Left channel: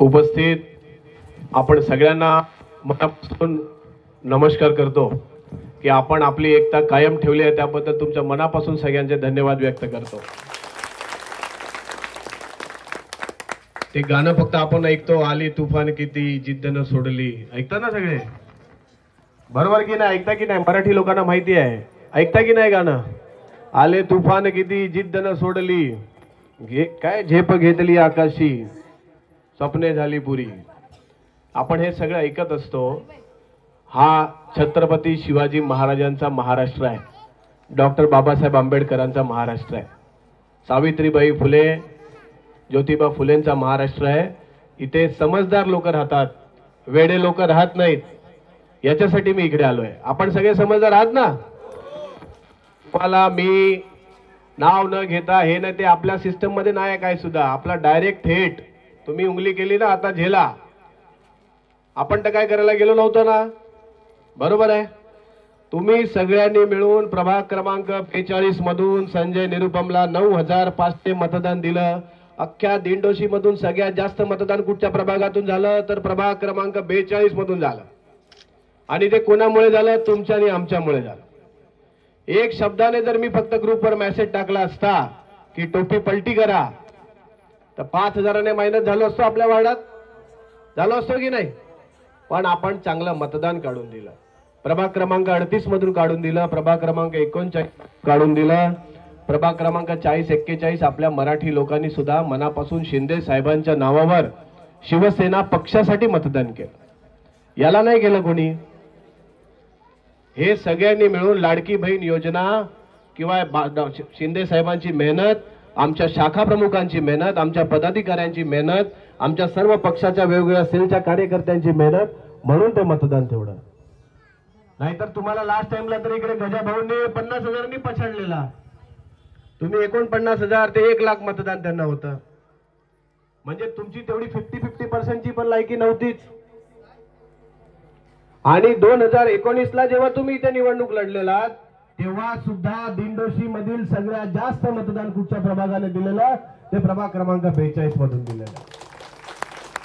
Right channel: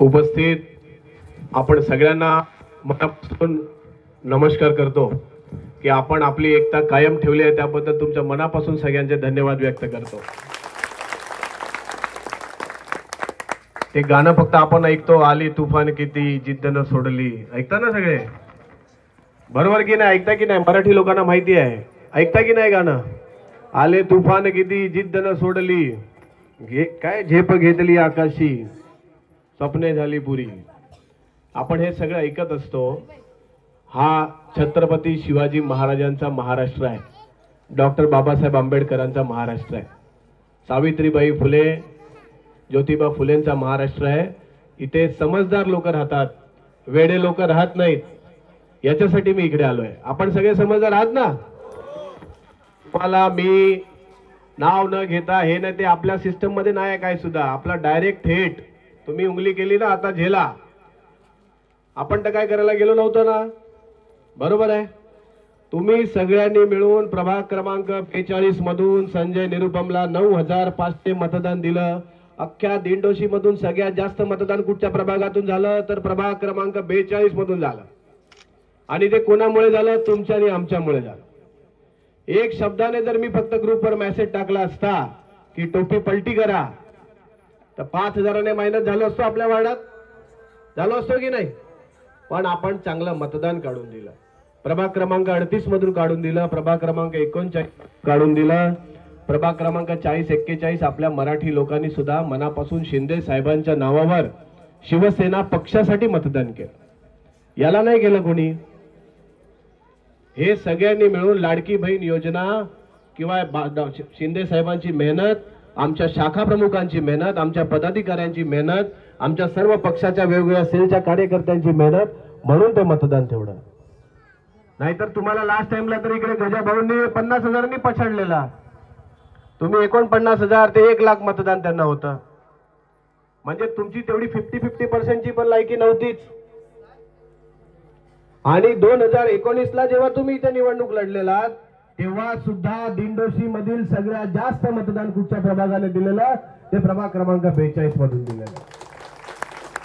उपस्थित आपण सगळ्यांना मनापासून नमस्कार करतो की आपण आपली एकता कायम ठेवली आहे, त्याबद्दल तुमच्या मनापासून सगळ्यांचे धन्यवाद व्यक्त करतो। ते गाणं फक्त आपण ऐकतो, आली तुफान किती जिद्द न सोडली, ऐकता ना सगळे? बरोबर की नाही? ऐकता की नाही? मराठी लोकांना माहिती आहे, ऐकता की नाही गाणं? आले तुफान किती जिद्द न सोडली, काय झेप घेतली आकाशी, स्वप्ने झाली पुरी। आपण हे सगळं ऐकत असतो। हा छत्रपती शिवाजी महाराजांचा महाराष्ट्र आहे, डॉक्टर बाबासाहेब आंबेडकरांचा महाराष्ट्र आहे, सावित्रीबाई फुले ज्योतिबा फुलेंचा महाराष्ट्र आहे। इथे समजदार लोक राहतात, वेडे लोक राहत नाहीत, याच्यासाठी मी इकडे आलोय। आपण सगळे समजदार आहात ना? मला मी नाव न घेता हे ना ते आपल्या सिस्टम मध्ये नाही काय सुद्धा, आपला डायरेक्ट थेट तुम्ही उंगली केली ना, आता झेला। आपण तर काय करायला गेलो नव्हतो ना, बरोबर आहे? तुम्ही सगळ्यांनी मिळून प्रभाग क्रमांक 45 मधून संजय निरुपमला 9500 मतदान दिलं। अख्ख्या दिंडोशी मधून सगळ्यात जास्त मतदान कुठच्या प्रभागातून झालं तर प्रभाग क्रमांक 42 मधून झालं। आणि ते कोणामुळे झालं? तुमच्या आणि आमच्यामुळे झालं। एक शब्दाने जर मी फक्त ग्रुपवर मेसेज टाकला असता की टोपी पलटी करा, तर 5000ने मायनस झालो असतो, आपल्या वार्डात झालो असतो की नाही? पण आपण चांगलं मतदान काढून दिलं, प्रभाग क्रमांक 38 मधून काढून दिलं, प्रभाग क्रमांक 39 काढून दिलं, प्रभाग क्रमांक 40-41 आपल्या मराठी लोकांनी सुद्धा मनापासून शिंदे साहेबांच्या नावावर शिवसेना पक्षासाठी मतदान केलं। याला नाही केलं कोणी? हे सगळ्यांनी मिळून लाडकी बहीण योजना किंवा शिंदे साहेबांची मेहनत, आमच्या शाखा प्रमुखांची मेहनत, आमच्या पदाधिकाऱ्यांची मेहनत, आमच्या सर्व पक्षाच्या वेगवेगळ्या सेलच्या कार्यकर्त्यांची मेहनत, म्हणून ते मतदान तेवढं। नाहीतर तुम्हाला लास्ट टाइमला तर इकडे गजाभाऊंनी 50,000नी पछाडलेला, तुम्ही 49,000 ते 1,00,000 मतदान त्यांना होतं। म्हणजे तुमची तेवढी 50-50% पण लायकी नव्हतीच। आणि 2019ला जेव्हा तुम्ही इथे निवडणूक लढलेला, तेव्हा सुद्धा दिंडोशी मधील सगळ्यात जास्त मतदान कुठच्या प्रभागाने दिलेलं? ते प्रभाग क्रमांक 42 मधून दिलेलं।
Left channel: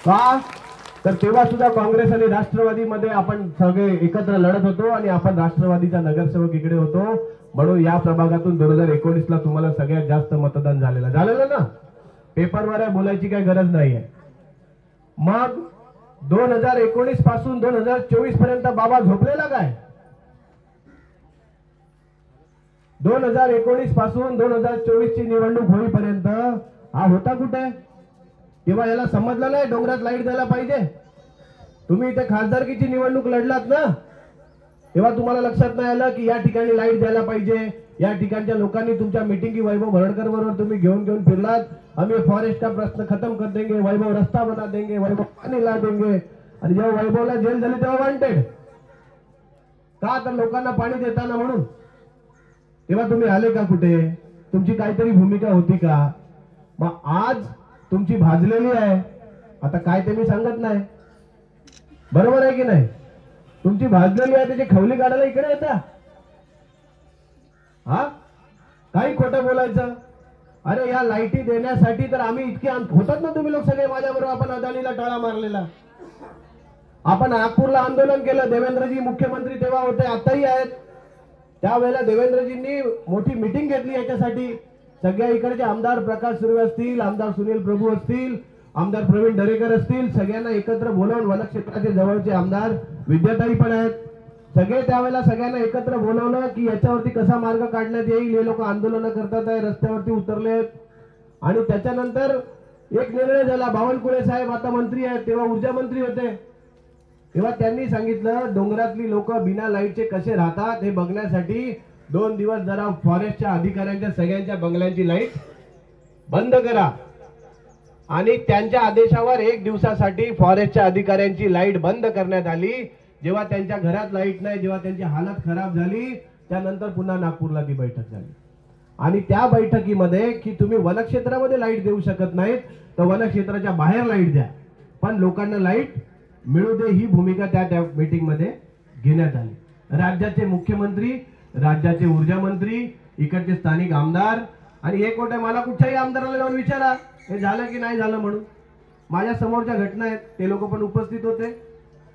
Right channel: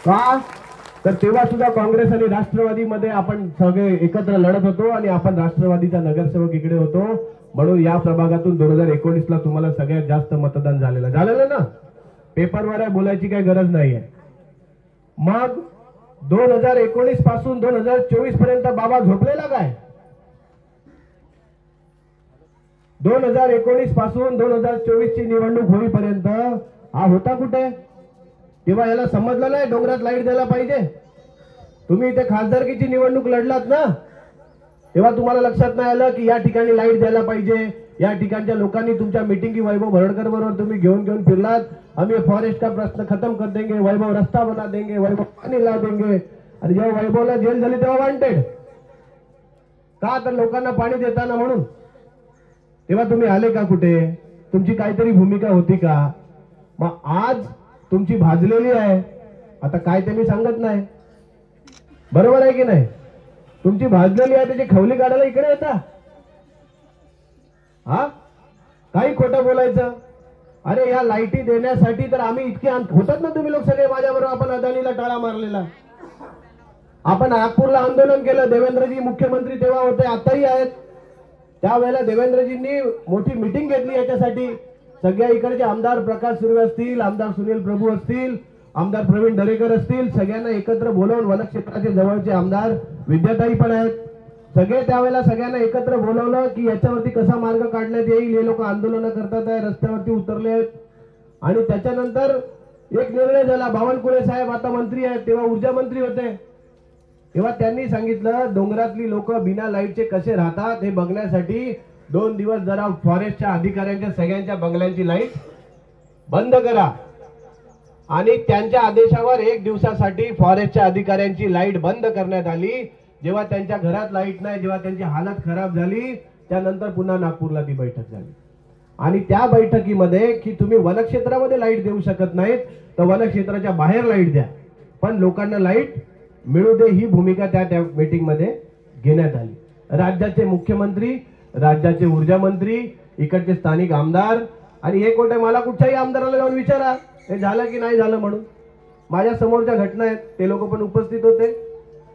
का? तर तेव्हा सुद्धा काँग्रेस आणि राष्ट्रवादी मध्ये आपण सगळे एकत्र लढत होतो आणि आपण राष्ट्रवादीचा नगरसेवक इकडे होतो, म्हणून या प्रभागातून 2019ला तुम्हाला सगळ्यात जास्त मतदान झालेलं ना? पेपरवर बोलायची काही गरज नाहीये। मग 2019 पासून 2024 पर्यंत बाबा झोपलेला काय? 2019 पासून 2024 ची निवडणूक होईपर्यंत हा होता कुठे? तेव्हा याला समजलं नाही डोंगरात लाईट द्यायला पाहिजे? तुम्ही इथे खासदारकीची निवडणूक लढलात ना, तेव्हा तुम्हाला लक्षात नाही आलं की या ठिकाणी लाईट द्यायला पाहिजे? या ठिकाणच्या लोकांनी तुमच्या मीटिंगी वैभव भरडकर बरोबर तुम्ही घेऊन फिरलात, आम्ही फॉरेस्ट का प्रश्न खत्म कर देंगे, वैभव रस्ता बना देंगे, वैभव पाणी ला देंगे। आणि जेव्हा वैभवला जेल झाली तेव्हा वांटेड का? तर लोकांना पाणी देताना म्हणून। तेव्हा तुम्ही आले का कुठे? तुमची काहीतरी भूमिका होती का? मग आज तुमची भाजलेली आहे, आता काय ते मी सांगत नाही, बरोबर आहे की नाही? तुमची भाजलेली आहे, त्याची खवली काढायला इकडे येता? हा, काही खोटं बोलायचं? अरे या लाईटी देण्यासाठी तर आम्ही इतके होतात ना तुम्ही लोक सगळे माझ्याबरोबर, आपण अदानीला टाळा मारलेला, आपण नागपूरला आंदोलन केलं, देवेंद्रजी मुख्यमंत्री तेव्हा होते, आताही आहेत। त्यावेळेला देवेंद्रजींनी मोठी मीटिंग घेतली याच्यासाठी, सगळ्या इकडचे आमदार प्रकाश सुर्वे असतील, आमदार सुनील प्रभू असतील, आमदार प्रवीण दरेकर असतील, सगळ्यांना एकत्र बोलावून, वनक्षेत्राचे जवळचे आमदार विद्याताई पण आहेत, सगळे त्यावेळेला सगळ्यांना एकत्र बोलावलं की याच्यावरती कसा मार्ग काढण्यात येईल। हे लोक आंदोलन करतात आहे, रस्त्यावरती उतरले। आणि त्याच्यानंतर एक निर्णय झाला, बावनकुळे साहेब आता मंत्री आहेत, तेव्हा ऊर्जा मंत्री होते, तेव्हा त्यांनी सांगितलं डोंगरातली लोक बिना लाईटचे कसे राहतात हे बघण्यासाठी 2 दिवस जरा फॉरेस्टच्या अधिकाऱ्यांच्या सगळ्यांच्या बंगल्यांची लाईट बंद करा। आणि त्यांच्या आदेशावर 1 दिवसासाठी फॉरेस्टच्या अधिकाऱ्यांची लाईट बंद करण्यात आली। जेव्हा त्यांच्या घरात लाईट नाही, जेव्हा त्यांची हालत खराब झाली, त्यानंतर पुन्हा नागपूरला ती बैठक झाली। आणि त्या बैठकीमध्ये की तुम्ही वनक्षेत्रामध्ये लाईट देऊ शकत नाहीत तर वनक्षेत्राच्या बाहेर लाईट द्या, पण लोकांना लाईट मिळू दे, ही भूमिका त्या मीटिंग मध्ये घेण्यात आली। राज्याचे मुख्यमंत्री, राज्याचे ऊर्जा मंत्री, इकडचे स्थानिक आमदार, आणि हे कोठे मला कुठच्याही आमदाराला जाऊन विचारा, हे झालं की नाही झालं म्हणून. माझ्या समोरच्या घटना आहेत, ते लोक पण उपस्थित होते.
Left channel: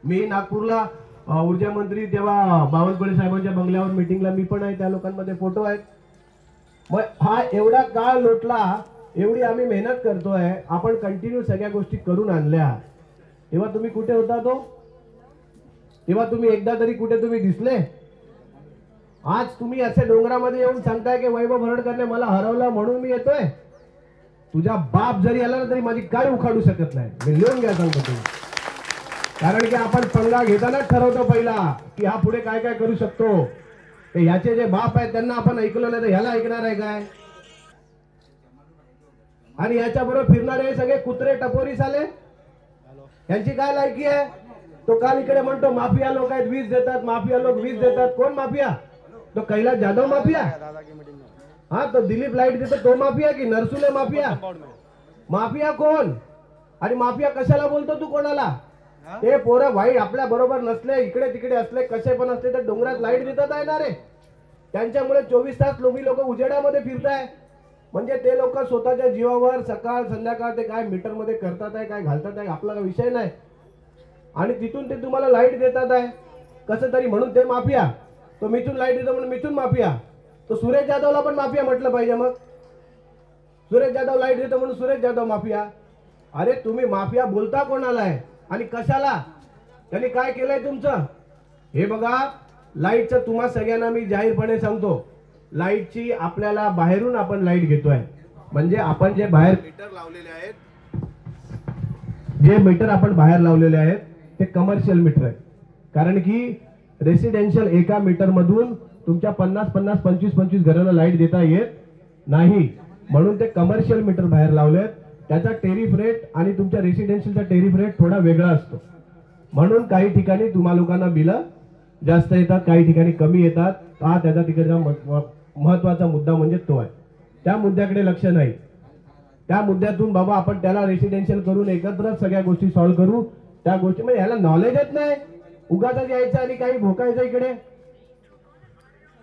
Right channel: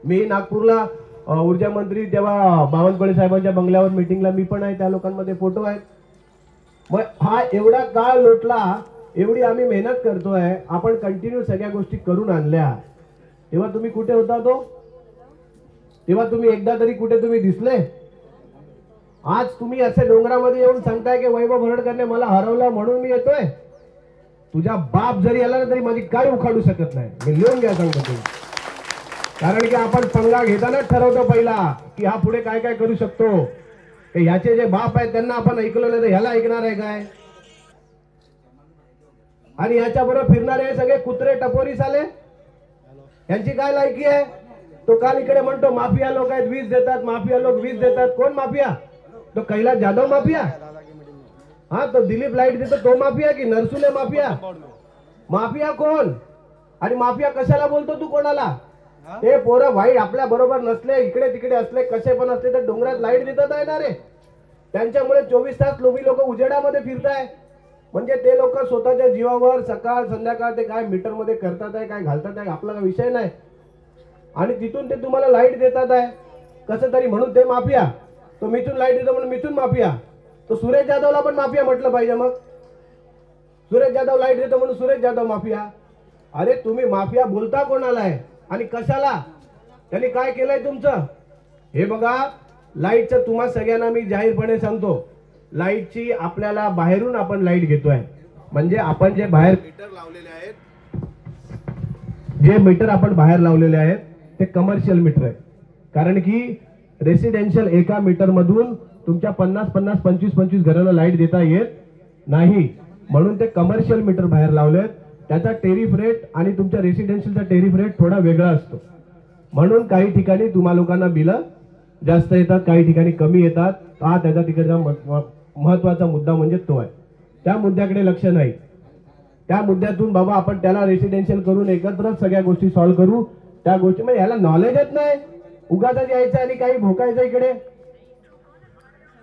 मी नागपूरला ऊर्जा मंत्री तेव्हा बावनकुळे साहेबांच्या बंगल्यावर मीटिंगला मी पण आहे, त्या लोकांमध्ये फोटो आहेत. मग हा एवढा काळ लोटला, एवढी आम्ही मेहनत करतोय, आपण कंटिन्यू सगळ्या गोष्टी करून आणल्या. तेव्हा तुम्ही कुठे होता तो? तेव्हा तुम्ही एकदा तरी कुठे तुम्ही दिसले? आज तुम्ही असे डोंगरामध्ये येऊन सांगताय की वैभव भरडकरने मला हरवलं म्हणून मी येतोय. तुझा बाप जरी आला ना तरी माझी गाडी उखाडू शकत नाही. मी लिहून घ्या सांगतो तुम्ही. कारण की आपण पंगा घेतानाच ठरवतो पहिला की हा पुढे काय काय करू शकतो. ह्याचे जे बाप आहेत त्यांना आपण ऐकलं नाही तर ह्याला ऐकणार आहे काय? आणि याच्या बरोबर फिरणारे सगळे कुत्रे टपोरी साले, यांची काय लायकी आहे? तो काल इकडे म्हणतो माफिया लोक आहेत, 20 देतात, माफिया लोक 20 देतात. कोण माफिया? तो कैलास जाधव माफिया? हा, तो दिलीप लाईट देतो तो माफिया की नरसुले माफिया? माफिया कोण? आणि माफिया कशाला बोलतो तू कोणाला? ते पोरं भाई आपल्या बरोबर नसले, इकडे तिकडे असले, कसे पण असले तर डोंगरात लाईट देतात आहे ना रे. त्यांच्यामुळे 24 तास लोक उजेडामध्ये फिरताय. म्हणजे ते लोक स्वतःच्या जीवावर सकाळ संध्याकाळ ते काय मीटर मध्ये करतात आहे, काय घालतात आहे, आपला विषय नाही. आणि तिथून ते तुम्हाला लाईट देतात आहे कसं तरी, म्हणून ते माफिया. तो मिथून लाईट देतो म्हणून मिथून माफिया. तो सुरेश जाधवला पण माफिया म्हटलं पाहिजे. मग सुरेश जाधव लाईट देतो म्हणून सुरेश जाधव माफिया. अरे तुम्ही माफिया बोलता कोणाला आहे आणि कशाला? त्यांनी काय केलंय तुमचं? हे बघा, लाईटचं तुम्हा सगळ्यांना मी जाहीरपणे सांगतो, लाईटची आपल्याला बाहेरून आपण लाईट घेतोय. म्हणजे आपण जे बाहेर मीटर लावलेले आहेत, जे मीटर आपण बाहेर लावलेले आहेत ते कमर्शियल मीटर आहे. कारण की रेसिडेन्शियल एका मीटर मधून तुमच्या 50-50, 25-25 घरांना लाईट देता येत नाही. म्हणून ते कमर्शियल मीटर बाहेर लावलेत. त्याचा टेरिफ रेट आणि तुमच्या रेसिडेन्शियलचा टेरिफ रेट थोडा वेगळा असतो. म्हणून काही ठिकाणी तुम्हा लोकांना बिलं जास्त येतात, काही ठिकाणी कमी येतात. हा त्याचा तिकडचा महत्वाचा मुद्दा म्हणजे तो आहे. त्या मुद्द्याकडे लक्ष नाही. त्या मुद्द्यातून बाबा आपण त्याला रेसिडेन्शियल करून एकत्र सगळ्या गोष्टी सॉल्व्ह करू. त्या गोष्टी म्हणजे याला नॉलेजच नाही, उगाच यायचं आणि काही भोकायचं इकडे.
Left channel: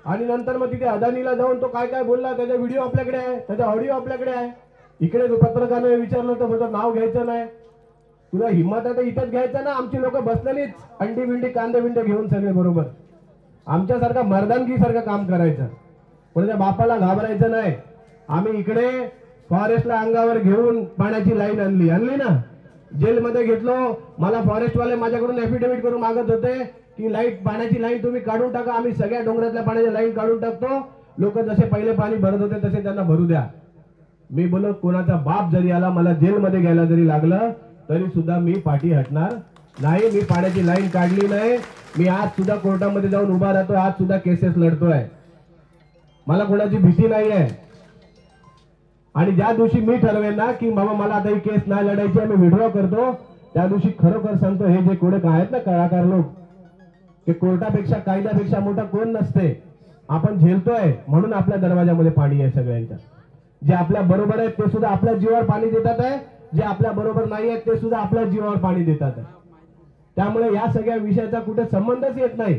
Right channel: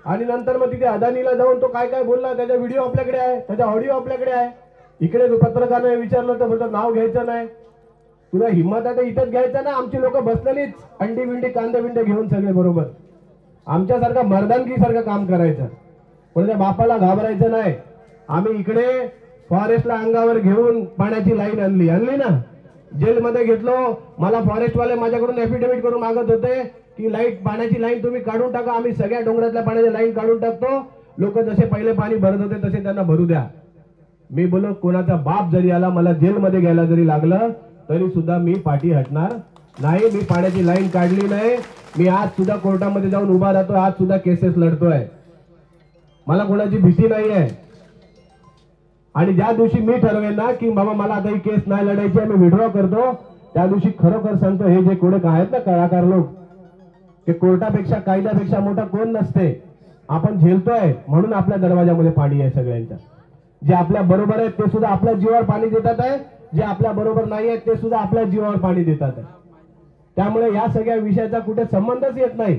आणि नंतर मग तिथे अदानीला जाऊन तो काय काय बोलला त्याचा व्हिडिओ आपल्याकडे आहे, त्याचा ऑडिओ आपल्याकडे आहे. इकडे पत्रकाराने विचारलं तर म्हणतो नाव घ्यायचं नाही. तुला हिंमत आहे तर इथंच घ्यायचं ना. आमची लोक बसलेलीच अंडी बिंडी कांदे बिंडे घेऊन सगळे बरोबर. आमच्यासारखं मर्दानगी सारखं काम करायचं, पण त्या बापाला घाबरायचं नाही. आम्ही इकडे फॉरेस्टला अंगावर घेऊन पाण्याची लाईन आणली ना. जेलमध्ये घेतलो. मला फॉरेस्टवाले माझ्याकडून एफिडेव्हिट करून मागत होते की लाईट पाण्याची लाईन तुम्ही काढून टाका. आम्ही सगळ्या डोंगरातल्या पाण्याची लाईन काढून टाकतो. लोक जसे पहिले पाणी भरत होते तसे त्यांना भरू द्या. मी बोलो कोणाचा बाप जरी आला, मला जेलमध्ये घ्यायला जरी लागलं तरी सुद्धा मी पाठी हटणार नाही. मी पाण्याची लाईन काढली नाही. मी आज सुद्धा कोर्टामध्ये जाऊन उभा राहतोय, आज सुद्धा केसेस लढतोय. मला कोणाची भीती नाही आहे. आणि ज्या दिवशी मी ठरवेन ना की बाबा मला आता ही केस नाही लढायची आहे, मी विड्रॉ करतो, त्या दिवशी खरोखर सांगतो हे जे कोणी आहेत ना कलाकार लोक, ते कोर्टापेक्षा कायद्यापेक्षा मोठा कोण नसते. आपण झेलतोय म्हणून आपल्या दरवाजामध्ये पाणी आहे सगळ्यांच्या. जे आपल्या बरोबर आहेत ते सुद्धा आपल्या जीवावर पाणी देतात आहे, जे आपल्या बरोबर नाही आहेत ते सुद्धा आपल्या जीवावर पाणी देतात आहे. त्यामुळे या सगळ्या विषयाचा कुठे संबंधच येत नाही.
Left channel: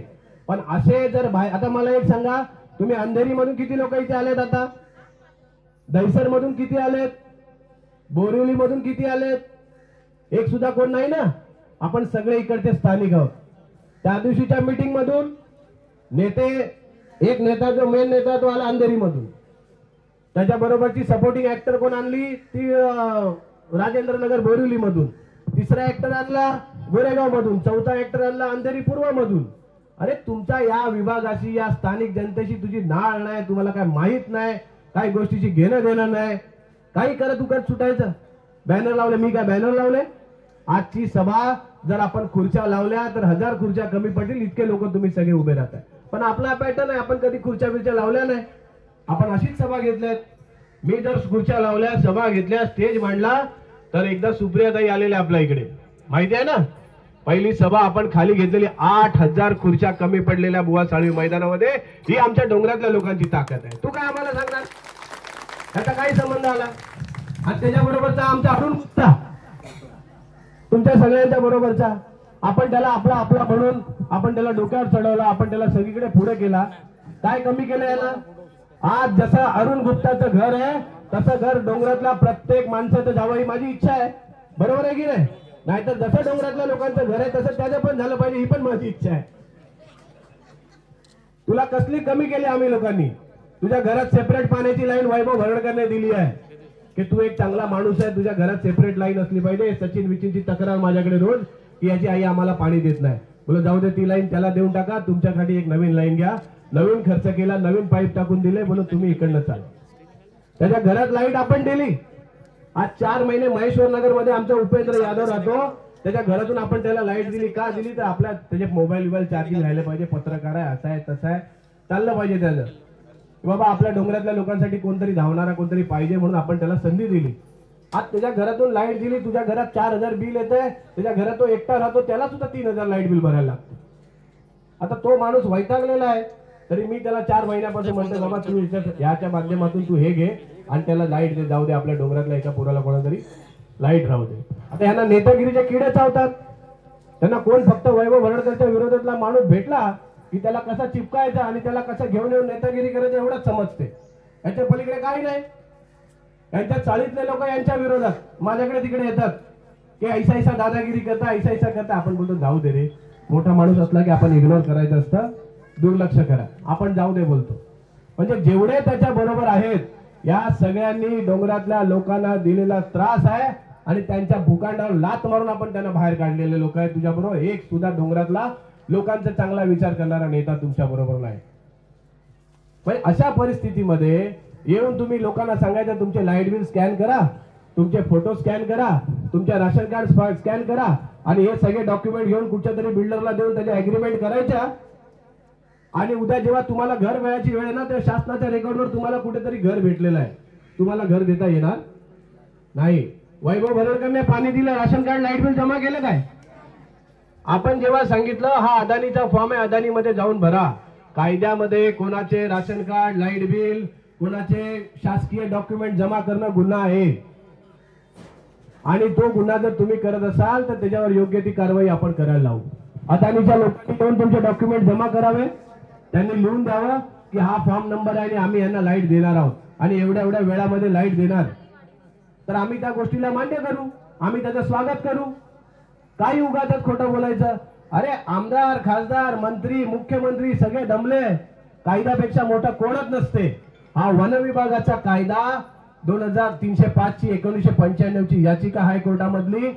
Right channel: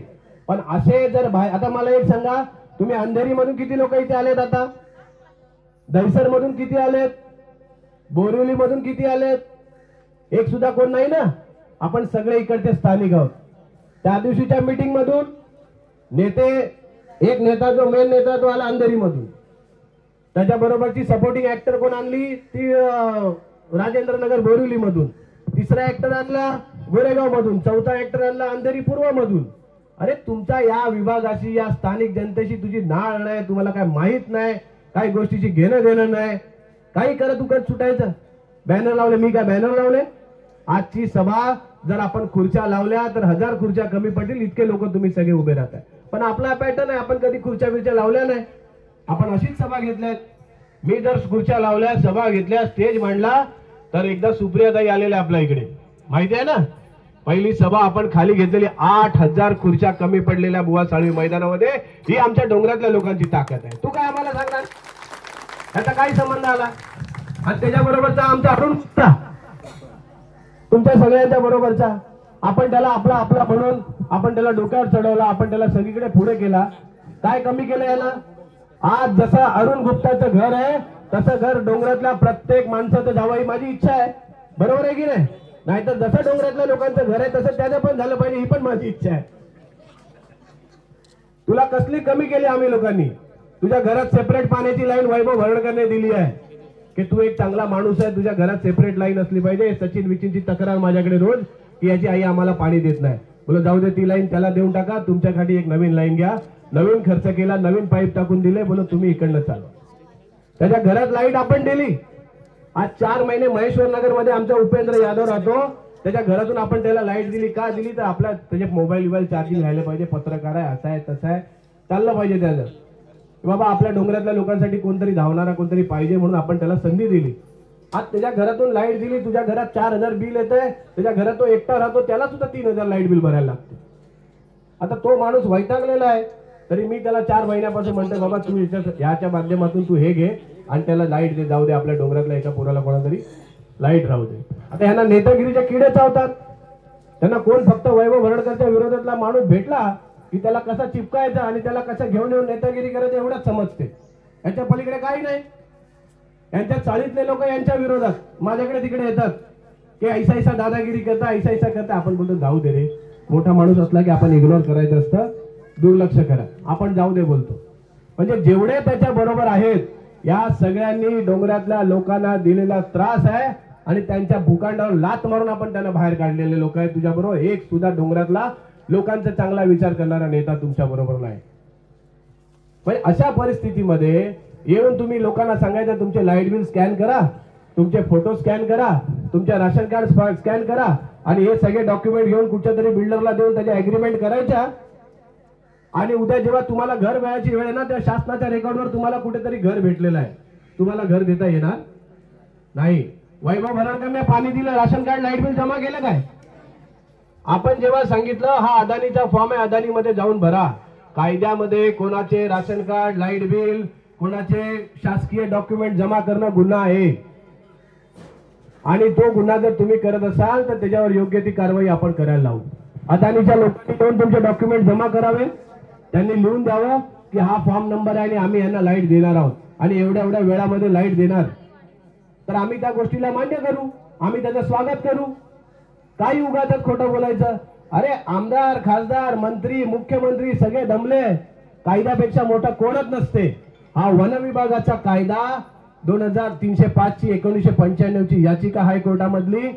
पण असे जर आता मला एक सांगा, तुम्ही अंधेरी मधून किती लोक इथे आलेत? आता दहिसर मधून किती आलेत? बोरिवली मधून किती आलेत? एक सुद्धा कोण नाही ना. आपण सगळे इकडचे स्थानिक आहोत. त्या दिवशीच्या मीटिंग मधून नेते, एक नेता जो मेन नेता तो आला अंधेरी मधून. त्याच्याबरोबरची सपोर्टिंग ऍक्टर कोण आणली? ती राजेंद्र नगर बोरिवली मधून. तिसरा ऍक्टर आणला गोरेगाव मधून. चौथा ऍक्टर आणला अंधेरी पूर्व मधून. अरे तुमच्या या विभागाशी, या स्थानिक जनतेशी तुझी नाळ नाही, तुम्हाला काय माहित नाही, काही गोष्टीची घेणं देणं नाही. काही करत उकत सुटायचं. बॅनर लावले. मी काय बॅनर लावले? आजची सभा जर आपण खुर्च्या लावल्या तर 1000 खुर्च्या कमी पडतील, इतके लोक तुम्ही सगळे उभे राहताय. पण आपला पॅटर्न आहे, आपण कधी खुर्च्या बिर्च्या लावल्या नाही. आपण अशीच सभा घेतल्यात. मी जर खुर्च्या लावल्या, सभा घेतल्या, स्टेज मांडला तर एकदा सुप्रियाताई आलेल्या आपल्या इकडे, माहिती आहे ना. पहिली सभा आपण खाली घेतलेली, 8000 खुर्च्या कमी पडलेल्या बुवा साळवी मैदानामध्ये. ही आमच्या डोंगरातल्या लोकांची ताकद आहे. तू काय आम्हाला सांगणार? याचा काय संबंध आला? आणि त्याच्याबरोबरचा आमचा अरुण गुप्ता, तुमच्या सगळ्यांच्या बरोबरचा. आपण त्याला आपला आपला म्हणून आपण त्याला डोक्यावर चढवला, आपण त्याला सगळीकडे पुढे केला. काय कमी केलं याला? आज जसं अरुण गुप्ताचं घर आहे तसं घर डोंगरातल्या प्रत्येक माणसाचं जावं ही माझी इच्छा आहे, बरोबर आहे की नाही? नाहीतर जसं डोंगरातल्या लोकांचं घर आहे तसं त्याचं पण झालं पाहिजे, ही पण माझी इच्छा आहे. तुला कसली कमी केली आम्ही लोकांनी? तुझ्या घरात सेपरेट पाण्याची लाईन वैभव भरडकरने दिली आहे की तू एक चांगला माणूस आहे, तुझ्या घरात सेपरेट लाईन असली पाहिजे. सचिन विचिनची तक्रार माझ्याकडे रोज की याची आई आम्हाला पाणी देत नाही. बोलो जाऊ दे, ती लाईन त्याला देऊन टाका, तुमच्यासाठी एक नवीन लाईन घ्या. नवीन खर्च केला, नवीन पाईप टाकून दिले. बोलो तुम्ही इकडनं चालवा. त्याच्या घरात लाईट आपण दिली. आज 4 महिने महेश्वर नगर मध्ये आमचा उपेंद्र यादव राहतो, त्याच्या घरातून आपण त्याला लाईट दिली. का दिली? तर आपल्या त्याचे मोबाईल चार्जिंग राहिलं पाहिजे, पत्रकार आहे, असं आहे तसं आहे, चाललं पाहिजे त्याचं. बाबा आपल्या डोंगरातल्या लोकांसाठी कोणतरी धावणारा कोणतरी पाहिजे म्हणून आपण त्याला संधी दिली. आज त्याच्या घरातून लाईट दिली, तुझ्या घरात 4000 बिल येतंय, त्याच्या घरात तो एकटा राहतो, त्याला सुद्धा 3000 लाईट बिल भरायला लागतं. आता तो माणूस वैतागलेला आहे, तरी मी त्याला 4 महिन्यापासून म्हणतो बाबा तू याच्या माध्यमातून तू हे घे आणि त्याला लाईट दे, जाऊ दे आपल्या डोंगरातल्या एका पोराला कोणातरी लाईट राहू दे. आता यांना नेतागिरीचे किडे चावतात. त्यांना कोण फक्त वैभव भरडकरच्या विरोधातला माणूस भेटला की त्याला कसा चिपकायचा आणि त्याला कसं घेऊन येऊन नेतागिरी करायचं एवढंच समजते. यांच्या पलीकडे काही नाही. यांच्या चाळीतले लोक यांच्या विरोधात माझ्याकडे तिकडे येतात की ऐसा दादागिरी करता, ऐसा करता. आपण बोलतो जाऊ दे रे, मोठा माणूस असला की आपण इग्नोर करायचं असतं, दुर्लक्ष करा, आपण जाऊ दे बोलतो. म्हणजे जेवढे त्याच्या बरोबर आहेत या सगळ्यांनी डोंगरातल्या लोकांना दिलेला त्रास आहे आणि त्यांच्या भूखंडावर लात मारून आपण त्यांना बाहेर काढलेले लोक आहेत. तुझ्या बरोबर एक सुद्धा डोंगरातला लोकांचा चांगला विचार करणारा नेता तुमच्या बरोबर नाही. पण अशा परिस्थितीमध्ये येऊन तुम्ही लोकांना सांगायचं तुमचे लाईट बिल स्कॅन करा, तुमचे फोटो स्कॅन करा, तुमचे राशन कार्ड स्कॅन करा आणि हे सगळे डॉक्युमेंट घेऊन कुठच्या तरी बिल्डरला देऊन त्याची अग्रीमेंट करायच्या. आणि उद्या जेव्हा तुम्हाला घर मिळायची वेळ ना, त्या शासनाच्या रेकॉर्डवर तुम्हाला कुठेतरी घर भेटलेलं आहे, तुम्हाला घर देता येणार नाही. वैभव भरडकरने पाणी दिलं, राशन कार्ड लाईट बिल जमा केलं काय? आपण जेव्हा सांगितलं हा अदानीचा फॉर्म आहे, अदानीमध्ये जाऊन भरा, कायद्यामध्ये कोणाचे राशन कार्ड लाईट बिल कोणाचे शासकीय डॉक्युमेंट जमा करणं गुन्हा आहे आणि तो गुन्हा जर तुम्ही करत असाल तर त्याच्यावर योग्य ती कारवाई आपण करायला लावू. अदानीच्या लोकांनी येऊन तुमचे डॉक्युमेंट जमा करावे, त्यांनी लिहून द्यावं की हा फॉर्म नंबर आहे आणि आम्ही यांना लाईट देणार आहोत आणि एवढ्या एवढ्या वेळामध्ये लाईट देणार, तर आम्ही त्या गोष्टीला मान्य करू, आम्ही त्याचं स्वागत करू. काही उगाच खोटं बोलायचं? अरे आमदार, खासदार, मंत्री, मुख्यमंत्री सगळे दमले, कायद्यापेक्षा मोठा कोणच नसते. हा वन विभागाचा कायदा 2305 ची 1995 ची याचिका हायकोर्टामधली,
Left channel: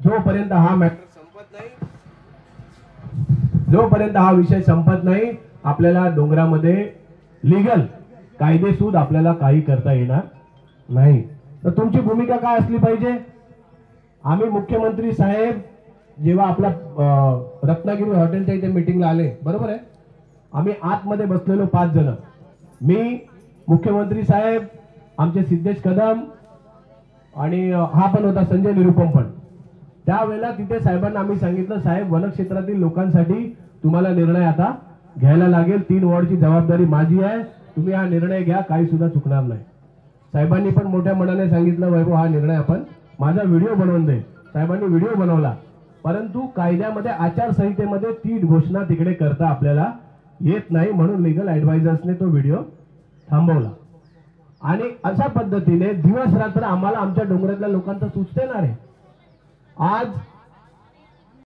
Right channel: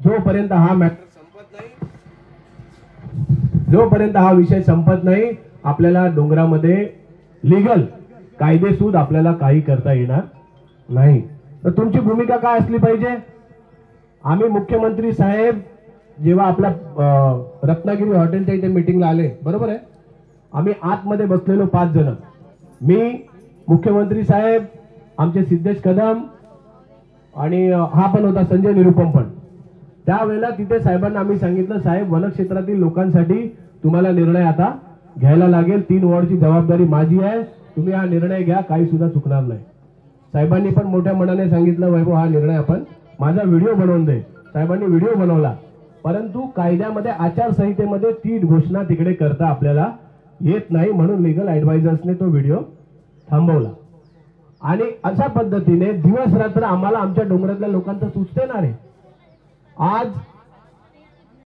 जोपर्यंत हा मॅटर संपत नाही, जोपर्यंत हा विषय संपत नाही, आपल्याला डोंगरामध्ये लीगल कायदेसूद आपल्याला काही करता येणार नाही. तर तुमची भूमिका काय असली पाहिजे? आम्ही मुख्यमंत्री साहेब जेव्हा आपल्या रत्नागिरी हॉटेलच्या इथे मीटिंगला आले, बरोबर आहे, आम्ही आतमध्ये बसलेलो 5 जण, मी, मुख्यमंत्री साहेब, आमचे सिद्धेश कदम आणि हा पण होता संजय निरुपम पण. त्यावेळेला तिथे साहेबांना आम्ही सांगितलं, साहेब वनक्षेत्रातील लोकांसाठी तुम्हाला निर्णय आता घ्यायला लागेल, 3 वॉर्डची जबाबदारी माझी आहे, तुम्ही हा निर्णय घ्या, काही सुद्धा चुकणार नाही. साहेबांनी पण मोठ्या मनाने सांगितलं, वैभव हा निर्णय आपण माझा व्हिडिओ बनवून दे. साहेबांनी व्हिडिओ बनवला, परंतु कायद्यामध्ये आचारसंहितेमध्ये ती घोषणा तिकडे करता आपल्याला येत नाही, म्हणून लीगल ऍडवायझर्सने तो व्हिडिओ थांबवला. आणि अशा पद्धतीने दिवस रात्र आम्हाला आमच्या डोंगरातल्या लोकांचं सुचते ना रे. आज